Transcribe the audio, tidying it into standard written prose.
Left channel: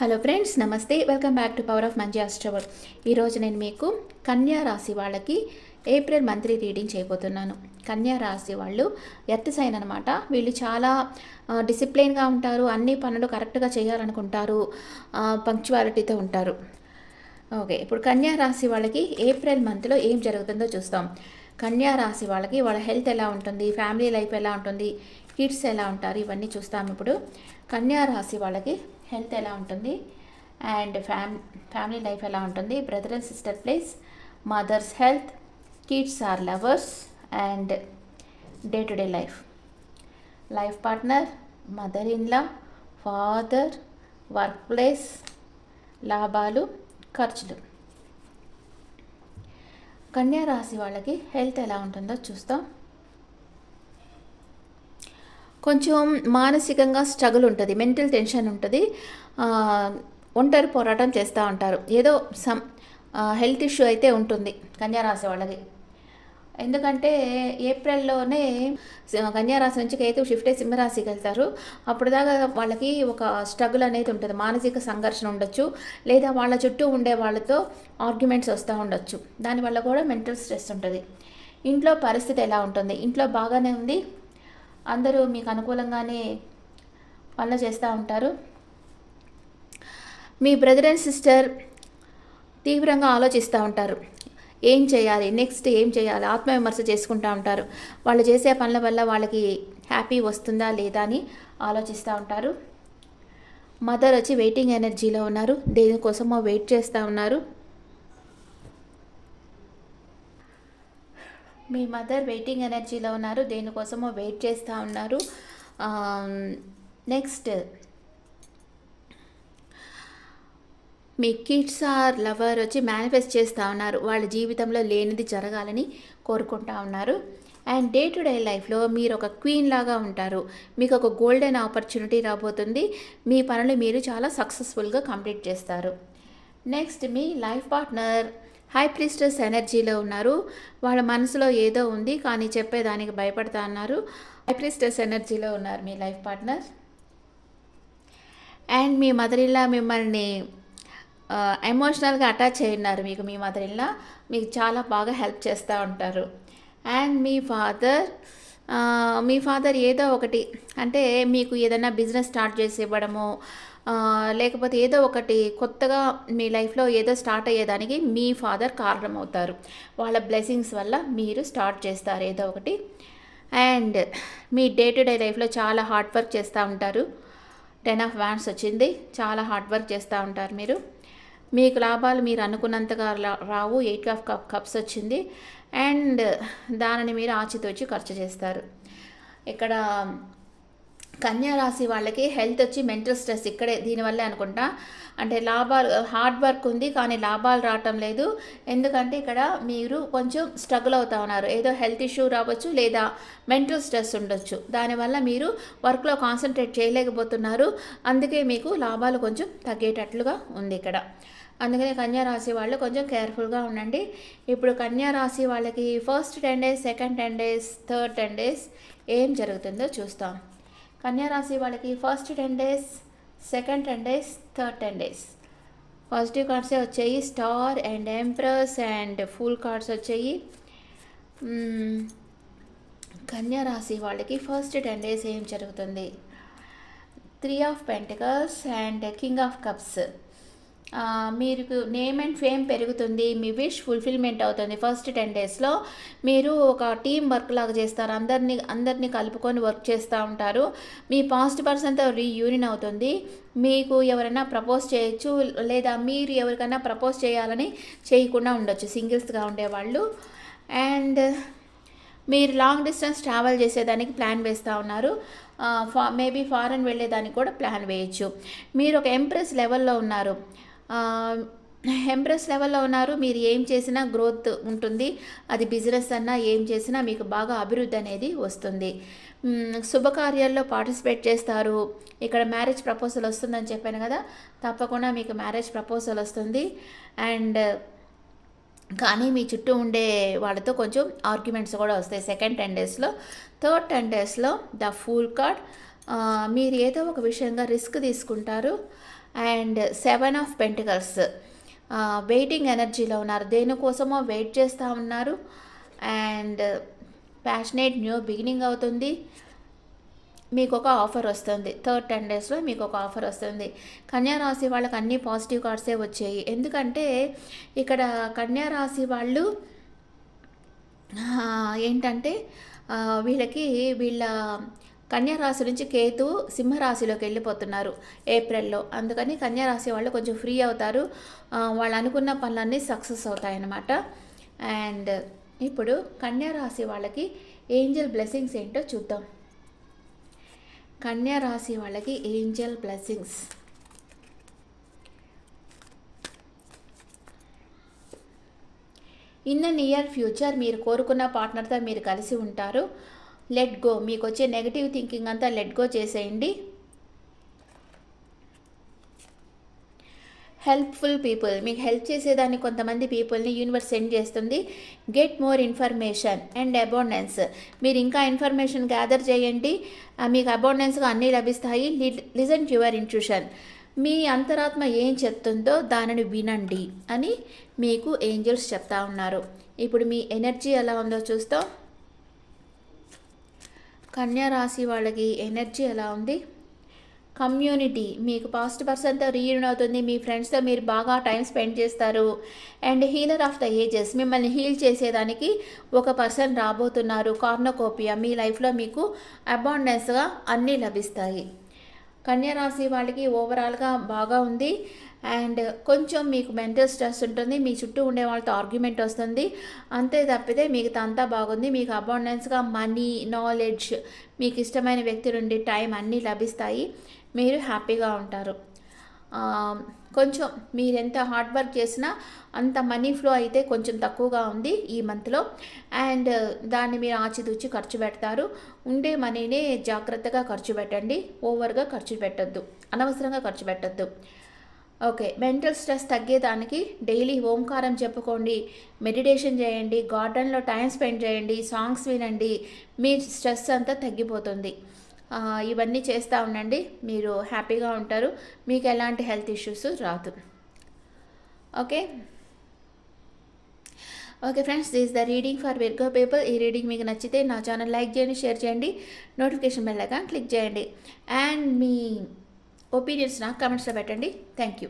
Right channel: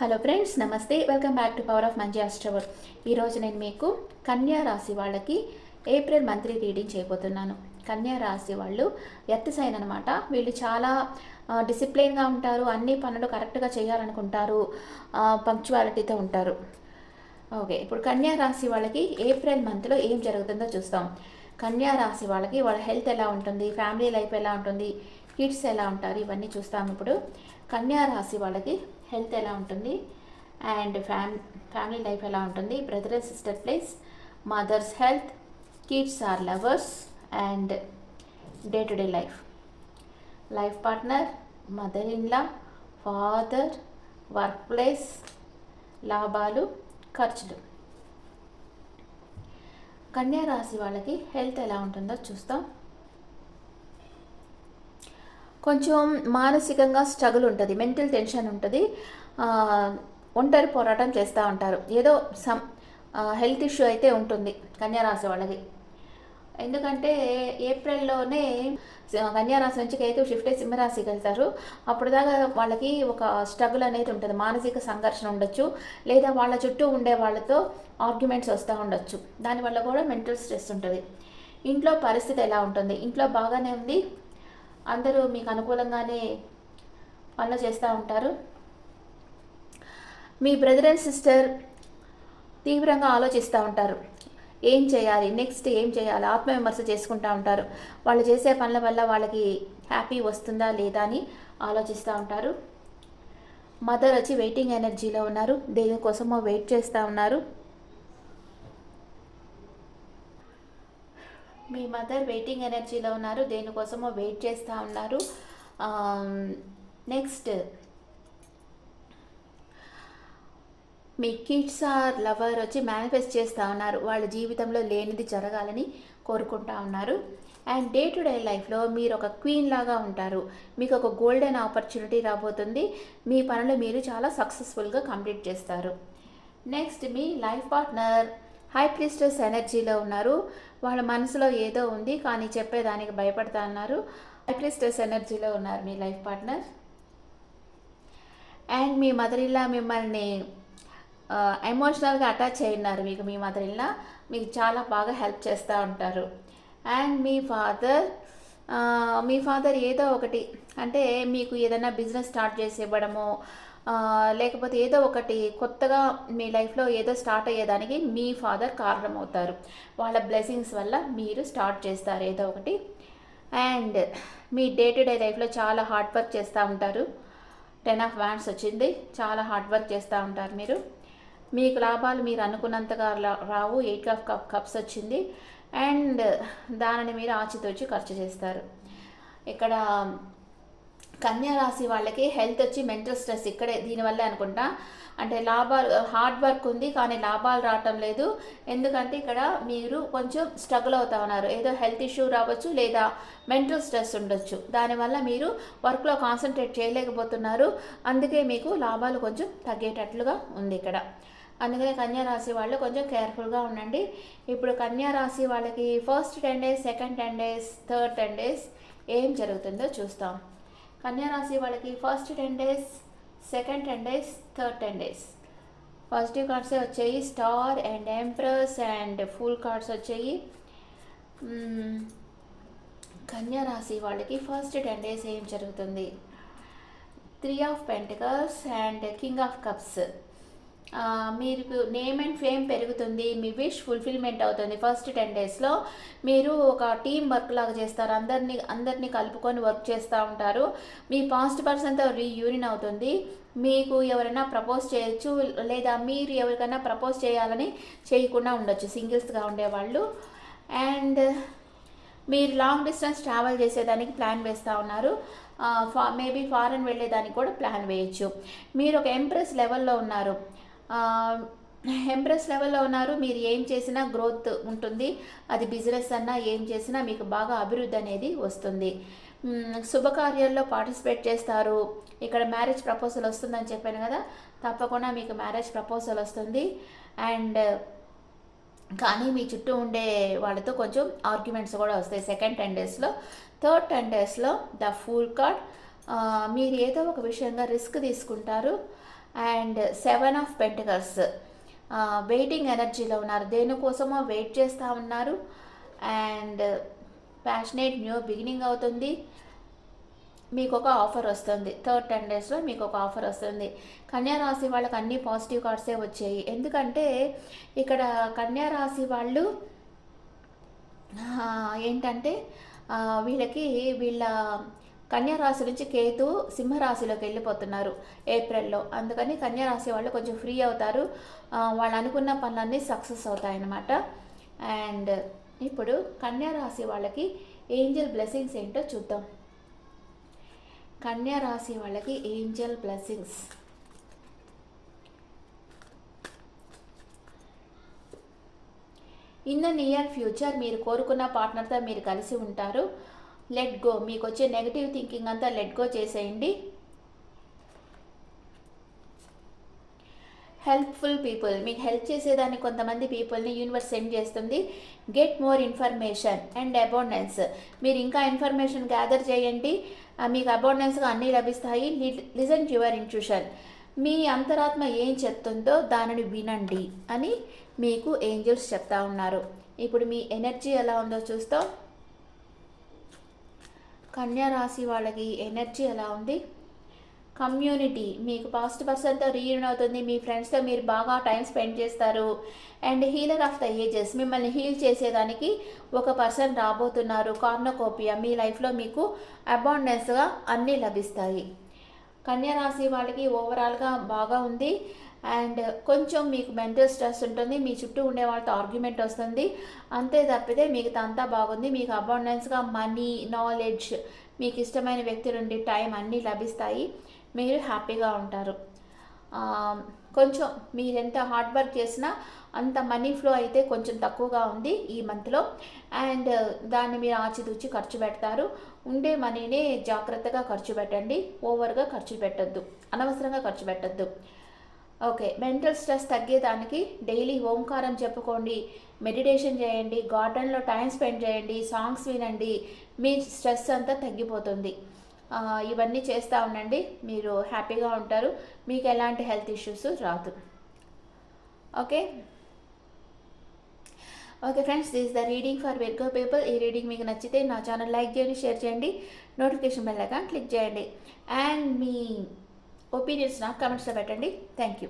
Hello friends, నమస్తే. Welcome back to power of మంచి ఆస్ట్రవర్. ఈరోజు నేను మీకు కన్యా రాశి వాళ్ళకి ఏప్రిల్ మంత్లీ రీడింగ్ చేయబోతున్నాను. కన్యా రాశి వాళ్ళు ఎర్త్ సైన్ అనమాట. వీళ్ళు చాలా డిసిప్లిన్గా ఉంటారు, అన్ని పనులు కరెక్ట్గా చేయాలనుకుంటారు, పంక్చువాలిటీతో ఉంటారు. ఓకే, ఇప్పుడు కన్యా రాశి వాళ్ళకి ఏప్రిల్ మంత్లో ఏం జరుగుతుందో చూస్తాం. కన్యా రాశి వాళ్ళకి వాళ్ళ హెల్త్ ఎలా ఉంటుంది, ఫ్యామిలీ లైఫ్ ఎలా ఉంటుంది, కిడ్స్ ఎలా ఉంటారు, ఇవన్నీ చూస్తాం. ఇప్పుడు కన్యా రాశి వాళ్ళకి హెల్త్ ఎలా ఉంటుంది అండ్ ఫ్యామిలీ లైఫ్ ఎలా ఉంటుంది, brother and sister place, mothers health, kids or lovers and day to day life partner, mother in law, father, work place, లాభాలు, ఖర్చులు. కన్యా రాశి వాళ్ళకి హెల్త్ ఎలా ఉంటుందో చూస్తాం. కొంచెం మానసికంగా స్ట్రగుల్ ఉంటుంది, మెంటల్ టెన్షన్ ఉంటుంది, ఒంటరి పోరాటం చేస్తూ ఉంటారు. ఏదో హెల్త్ ఇష్యూ అయితే ఉంటుంది కన్యా రాశి వాళ్ళకి. ఎందుకంటే ఏప్రిల్లోనే కన్యారాశి నుంచి కేతు షిఫ్ట్ అయ్యి సింహరాశికి వెళ్తారు. అప్పుడు దాకా వాళ్ళకి ఒక స్ట్రగుల్ అనేది ఉంటుంది, మానసిక సంఘర్షణ ఉండొచ్చు, లేదా వాళ్ళ చుట్టూ ఉండే వాళ్ళతో ఆర్గ్యుమెంట్స్ వస్తూ ఉండొచ్చు. దానివల్ల కూడా మెంటల్ స్ట్రెస్ ఉంటుంది. ఇంట్లో పరిస్థితి ఎలా ఉంటుంది, ఇంట్లో బాగానే ఉంది, అందరూ మీకు అనుకూలంగానే పనులు చేస్తూ ఉంటారు. మీ బ్రదర్ అండ్ సిస్టర్ తీవ్రంగా ఆలోచిస్తూ ఉంటారు, ఏం చేయాలి, నెక్స్ట్ ఏం చేయాలి, ఆత్మవిమర్శ చేసుకుంటూ ఉంటారు. వాళ్ళు చేసే పనుల వల్ల వాళ్ళకి హ్యాపీ వస్తుందా లేదా అని ఆలోచిస్తూ ఉంటారు. మదర్ వచ్చి వెయిటింగ్ ఎనర్జీలో ఉన్నారు, దేనికోసమో వెయిట్ చేస్తూ ఉన్నారు. మీ మదర్ వెయిటింగ్ ఎనర్జీలో ఉన్నారు, దేనికోసమో వెయిట్ చేస్తూ ఉన్నారు. నెక్స్ట్ మీ కిడ్స్ ఆర్ లవర్ వచ్చి మేనిఫెస్ట్ చేస్తూ ఉన్నారు, వాళ్ళ జీవితంలో లేనిది జరగాలని కోరుకుంటూ ఉన్నారు. అండ్ డే టు డే లైఫ్లో మీరు ఒక క్వీన్ లాగా ఉంటారు, మీకు ఒక గోల్డెన్ ఆపర్చునిటీ రాబోతుంది, మీ పనులు మీరు చాలా సక్సెస్ఫుల్గా కంప్లీట్ చేస్తారు. నెక్స్ట్ మీ లైఫ్ పార్ట్నర్ హై ప్రీస్టెస్ ఎనర్జీలో ఉన్నారు, వాళ్ళ మనసులో ఏదో ఉంది కానీ చెప్పేదానికి భయపడతా ఉన్నారు. హై ప్రీస్టెస్ ఎనర్జీలో ఉన్నారు మీ లైఫ్ పార్ట్నర్. అండ్ మీ మదర్ ఇన్ లా మిమ్మల్ని ఎమోషనల్గా అటాచ్ అయి ఉన్నారు. మీ మదర్ ఇన్ లా మీకు చాలా బాగా హెల్ప్ చేస్తూ ఉంటారు. అండ్ మీ ఫాదర్ ఏదో ఒకటి అంటే మీకు ఏదైనా బిజినెస్ స్టార్ట్ చేసి ఇవ్వడము, లేకపోతే ఏదో ఒకటి కొత్తగా మీ లైఫ్లో ఏదో స్టార్ట్ అయ్యేదానికి మీ ఫాదర్ కారణమవుతారు. వాళ్ళ బ్లెస్సింగ్స్ వల్ల మీరు స్టార్ట్ చేస్తారు ఏదో ఒకటి. And me day to day లైఫ్లో చాలా హార్డ్ వర్క్ చేస్తూ ఉంటారు. 10 ఆఫ్ వ్యాండ్స్ వచ్చింది, చాలా హార్డ్ వర్క్ చేస్తూ ఉంటారు మీరు. మీకు లాభాలు మీరు అనుకున్నంతగా రావు. 8 ఆఫ్ కప్స్ వచ్చింది. అండ్ దానిని మీరు ఆచితూచి ఖర్చు చేస్తారు. ఇక్కడ కన్యా రాశి వాళ్ళకి హెల్త్ వచ్చి మెంటల్ స్ట్రెస్ ఇక్కడే దీనివల్లే అనుకుంటా. అంటే లాభాలు, హార్డ్ వర్క్ ఉంది కానీ లాభాలు రావటం లేదు. ఎందుకంటే ఇక్కడ మీరు కొంచెం స్ట్రగుల్ అవుతా ఉన్నారు, ఏదో హెల్త్ ఇష్యూ రావచ్చు లేదా మెంటల్ స్ట్రెస్ ఉండొచ్చు, దానివల్ల మీరు వర్క్లో కాన్సన్ట్రేట్ చేయలేకపోతున్నారు. అందుకే మీకు లాభాలు కొంచెం తగ్గేటట్లుగా ఉంది ఇక్కడ. అందుకనే కన్యా రాశి వాళ్ళు కొంచెం కేర్ఫుల్గా ఉండండి. ఇప్పుడు కన్యా రాశి వాళ్ళకి first 10 days, second 10 days, third 10 days ఏం జరుగుతుందో చూస్తాం. కన్యా రాశి వాళ్ళకి first 10 days, second 10 days, third 10 days positive కార్డ్సే వచ్చాయి. Star and empress and fool cards వచ్చాయి. కన్యా రాశి వాళ్ళకి ఫస్ట్ 10 days ఏం జరుగుతుంది, 3 of pentacles and king of cups. మీకు నేమ్ అండ్ ఫేమ్ పెరుగుతుంది, మీ విష్ ఫుల్ఫిల్మెంట్ అవుతుంది. ఫస్ట్ 10 daysలో మీరు ఒక టీం వర్క్ లాగా చేస్తారు, అందరినీ కలుపుకొని వర్క్ చేస్తూ ఉంటారు. మీ పాస్ట్ పర్సన్తో రీయూనియన్ అవుతుంది. మీకు ఎవరైనా ప్రపోజ్ చేయొచ్చు, లేదా మీరు ఎవరికైనా ప్రపోజ్ చేయాలని చేయకుండా ఉండొచ్చు, సింగిల్స్గా ఉండేవాళ్ళు. అండ్ మీరు లాంగ్ డిస్టెన్స్ ట్రావెల్ చేసేదానికి ప్లాన్ వేస్తూ ఉన్నారు. మేబీ ఫారెన్ వెళ్ళేదానికి కూడా ప్లాన్ వేయచ్చు. మీరు ఒక ఎంప్రెస్ లెవెల్లో ఉన్నారు, మీరు ఏం చేసినా గ్రోత్ ఉంటుంది. అది బిజినెస్ అన్నా ఏం చేసినా మీకు బాగా అభివృద్ధి అనేది వస్తుంది. శుభకార్యాల్లో పార్టిసిపేట్ చేస్తారు. ఇక్కడ మ్యారేజ్ ప్రపోజల్ వస్తుందని చెప్పాను కదా, తప్పకుండా మీకు మ్యారేజ్ ప్రపోజల్ వస్తుంది. అండ్ కానీ మీ చుట్టూ ఉండే వాళ్ళతో కొంచెం ఆర్గ్యుమెంట్స్ కూడా వస్తాయి సెకండ్ 10 daysలో. థర్డ్ 10 daysలో ద ఫూల్ కార్డ్, మీరు ఏదో ఒక విషయంగా రిస్క్ తీసుకుంటారు. అండ్ 7 ఆఫ్ పెంటికల్స్, వెయిటింగ్ ఎనర్జీలో ఉన్నారు, దేనికోసమో వెయిట్ చేస్తూ ఉన్నారు. అండ్ ప్యాషనేట్ న్యూ బిగినింగ్ అవుతుంది. మీకు ఒక ఆఫర్ వస్తుంది, థర్డ్ 10 డేస్లో మీకు ఒక ఆఫర్ వస్తుంది. కన్యా రాశి వాళ్ళకి అన్ని పాజిటివ్ కార్డ్సే వచ్చాయి. ఎందుకంటే ఇక్కడ కన్యా రాశి వాళ్ళు ఏంటంటే వీళ్ళ కన్యా రాశి నుంచి కేతు సింహరాశిలోకి వెళ్ళిపోతున్నారు ఏప్రిల్లో. అందుకని కన్యా రాశి వాళ్ళు కొంచెం ఫ్రీ అవుతారు, వాళ్ళు అనుకున్న పనులన్నీ సక్సెస్ అవుతాయన్నమాట. అండ్ ఇప్పుడు కన్యా రాశి వాళ్ళకి ఏంజల్ బ్లెస్సింగ్స్ ఏంటో చూద్దాం. కన్యా రాశి వాళ్ళకి Angel blessings. In the near future మీరు కోరుకున్న పార్ట్నర్తో మీరు కలిసి ఉంటారు. లెట్ గో, మీకు వచ్చే నెగిటివ్ థింకింగ్ అంతా లెట్ గో చేసేయండి. హెల్ప్ఫుల్ పీపుల్, మీకు హెల్ప్ చేసేదాన్ని కొంతమంది పీపుల్ని యూనివర్స్ సెండ్ చేస్తుంది. Get more information and abundance, మీరు ఇంకా ఇన్ఫర్మేషన్ గ్యాదర్ చేయండి, మీకు అబౌండెన్స్గా అన్నీ లభిస్తాయి. లిజన్ టు యువర్ ఇంట్యూషన్, మీ అంతరాత్మ ఏం చెప్తుందో దానిని వినండి అని మీకు ఏంజల్స్ చెప్తా ఉన్నారు. ఇప్పుడు మీ ఎనర్జీ ఎలా ఉందో చూస్తాం. కన్యా రాశి వాళ్ళకి ఎనర్జీ ఎలా ఉంది? కమ్యూనిటీ, మీకు పాస్ట్ పర్సన్తో రీయూనియన్ అవుతుంది, మీ ఫ్రెండ్స్తో మీరు బాగా టైం స్పెండ్ చేస్తారు. And healer of the ages, మిమ్మల్ని హీల్ చేసేదానికి ఒక పర్సన్ రాబోతున్నారు. కార్నోకోపియా, మీ లైఫ్లో మీకు అబాండెన్స్గా అన్నీ లభిస్తాయి. కన్యా రాశి వాళ్ళకి ఓవరాల్గా బాగా ఉంది. అండ్ కొంచెం మీకు మెంటల్ స్ట్రెస్ ఉంటుంది, మీ చుట్టూ ఉండే వాళ్ళతో ఆర్గ్యుమెంట్ వస్తుంది, అంతే తప్పితే మిగతా అంతా బాగుంది. మీకు అబాండెన్స్గా మనీ, నాలెడ్జ్, మీకు ఇష్టమైన వ్యక్తి నుండి టైం అన్నీ లభిస్తాయి, మీరు హ్యాపీగా ఉంటారు. కొంచెం మీరు ఎంత హార్డ్ వర్క్ చేసినా అంత మనీ ఫ్లో అయితే కొంచెం తక్కువగా ఉంది ఈ మంత్లో. అండ్ దాన్ని మీరు ఆచితూచి ఖర్చు పెడతారు. ఉండే మనీనే జాగ్రత్తగా ఖర్చు పెట్టండి, ఓవర్గా ఖర్చు పెట్టద్దు, అనవసరంగా ఖర్చు పెట్టద్దు. ఓకే, మెంటల్ స్ట్రెస్ తగ్గేదానికి డైలీ ఓంకారం చెప్పుకోండి, మెడిటేషన్ చేయండి, గార్డెన్లో టైం స్పెండ్ చేయండి, సాంగ్స్ వినండి, మీ స్ట్రెస్ అంతా తగ్గిపోతుంది. ఇవన్నీ చేస్తూ ఉండండి, మీరు హ్యాపీగా ఉంటారు, మీకు ఎలాంటి హెల్త్ ఇష్యూస్ రాదు. Okay okay friends, this the reading for Virgo people. ఈ రీడింగ్ మీకు నచ్చితే నా ఛానల్ లైక్ చేయండి, షేర్ చేయండి, నోటిఫికేషన్ బెల్ ఐకాన్ క్లిక్ చేయండి. అండ్ మీ ఒపీనియన్స్ నాకు కమెంట్స్లో పెట్టండి. Thank you.